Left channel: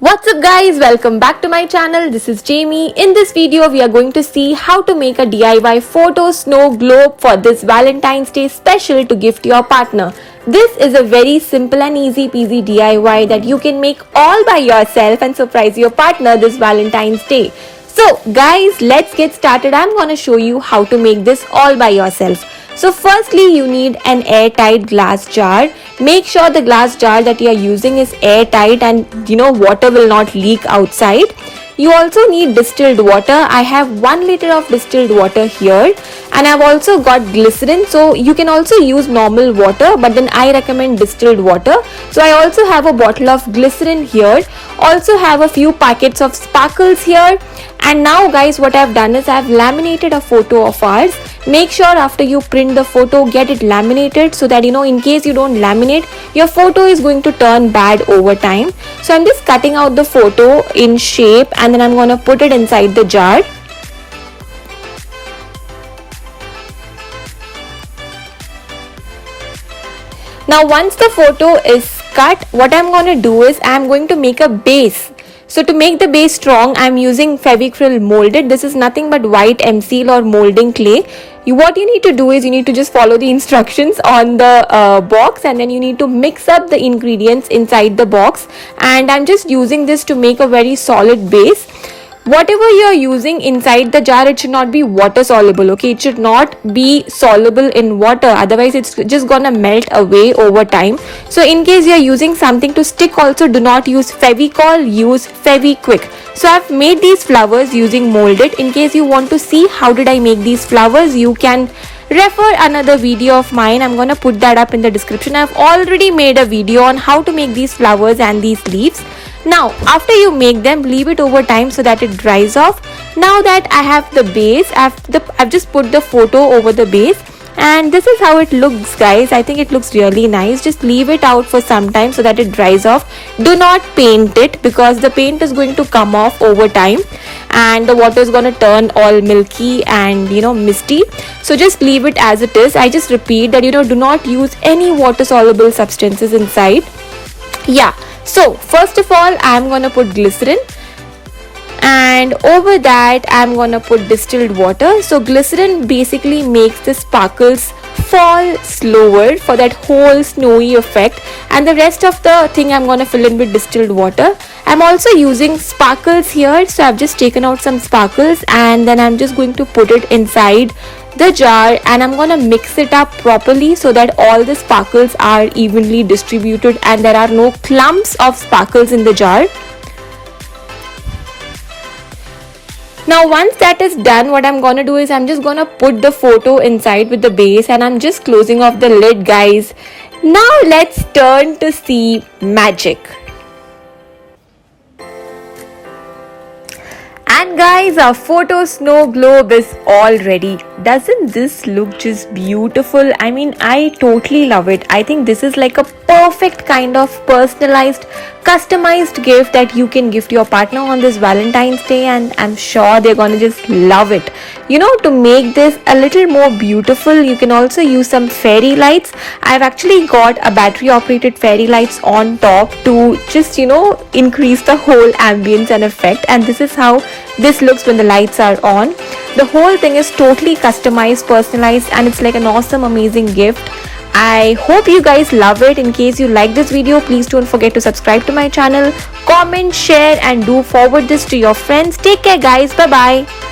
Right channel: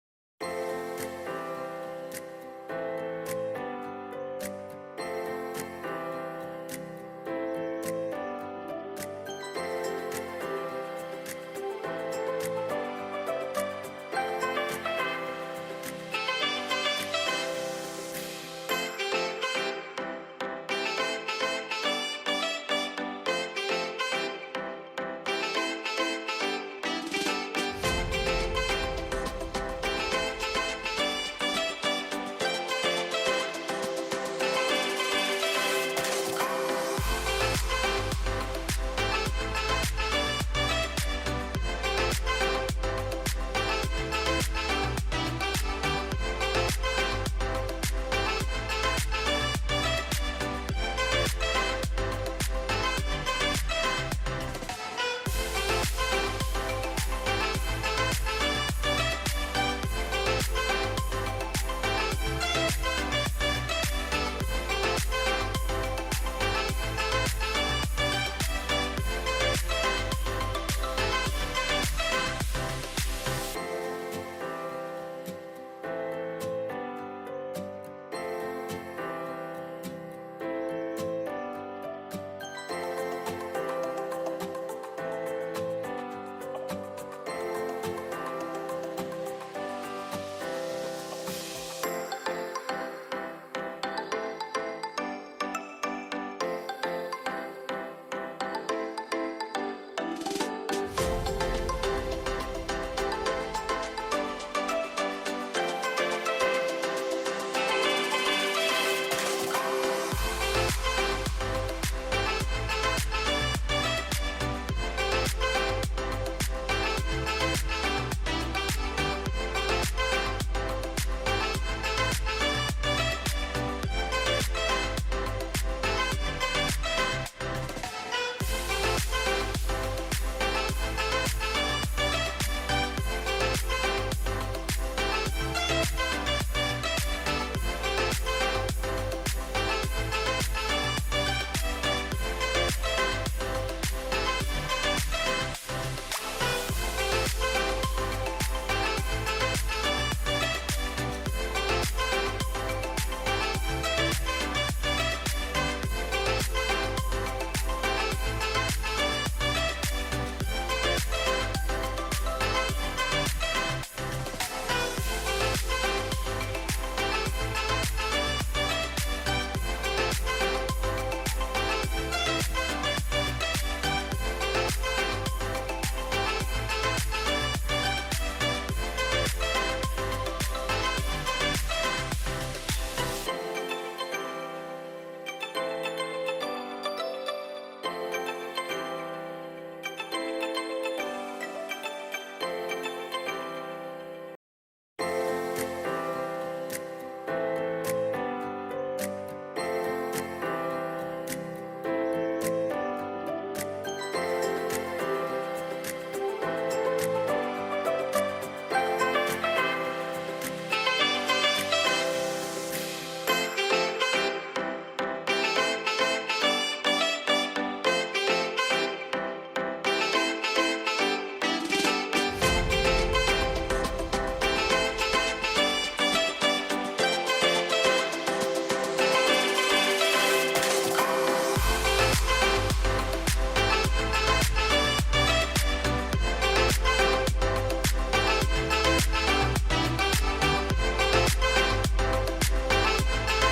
What's up guys, welcome back to my channel. This is Jamie. In this video we are going to see how to make a DIY photo snow globe for this Valentine's Day special to gift your partner. This is a very simple and easy peasy DIY that you can make all by yourself and surprise your partner this Valentine's Day. So guys, let's get started. I'm gonna show you how to make this all by yourself. So firstly you need an airtight glass jar. Make sure the glass jar that you are using is airtight and water will not leak outside. You also need distilled water. I have 1 liter of distilled water here, and I've also got glycerin. So you can also use normal water, but then I recommend distilled water. So I also have a bottle of glycerin here. Also have a few packets of sparkles here. And now guys, what I've done is I've laminated a photo of ours. Make sure after you print the photo, get it laminated so that in case you don't laminate, your photo is going to turn bad over time. So I'm just cutting out the photo in shape and then I'm going to put it inside the jar. Now once the photo is cut, what I'm going to do is I'm going to make a base. So to make the base strong, I'm using Fevicryl molded. This is nothing but white M-seal or molding clay. What you need to do is you need to just follow the instructions on the box, and then you need to mix up the ingredients inside the box. And I'm just using this to make a very solid base. Whatever you're using inside the jar, it should not be water soluble, okay? It should not be soluble in water, otherwise it's just gonna melt away over time. So in case you're using something to stick also, do not use Fevicol, use Fevikwik. So I've made these flowers using molded. In case you want to see how did I make these flowers, you can refer another video of mine. I'm gonna put that up in the description. I've already made a video on how to make these flowers and these leaves. Now after you make them, leave it over time so that it dries off. Now that I have the base, I've just put the photo over the base, and this is how it looks guys. I think it looks really nice. Just leave it out for some time so that it dries off. Do not paint it because the paint is going to come off over time and the water is going to turn all milky and misty. So just leave it as it is. I just repeat that do not use any water soluble substances inside. Yeah. So first of all, I'm gonna put glycerin, and over that I'm gonna put distilled water. So glycerin basically makes the sparkles fall slower for that whole snowy effect, and the rest of the thing I'm gonna fill in with distilled water. I'm also using sparkles here, so I've just taken out some sparkles and then I'm just going to put it inside the jar, and I'm gonna mix it up properly so that all the sparkles are evenly distributed and there are no clumps of sparkles in the jar. Now once that is done, what I'm gonna do is I'm just gonna put the photo inside with the base, and I'm just closing off the lid guys. Now let's turn to see magic. And guys, our photo snow globe is all ready. Doesn't this look just beautiful? I mean, I totally love it. I think this is like a perfect kind of personalized, customized gift that you can gift your partner on this Valentine's Day, and I'm sure they're gonna just love it. To make this a little more beautiful, you can also use some fairy lights. I've actually got a battery operated fairy lights on top to just increase the whole ambience and effect, and this is how this looks when the lights are on. The whole thing is totally customized, personalized, and it's like an awesome, amazing gift. I hope you guys love it. In case you like this video, please don't forget to subscribe to my channel, comment, share, and do forward this to your friends. Take care guys. Bye bye.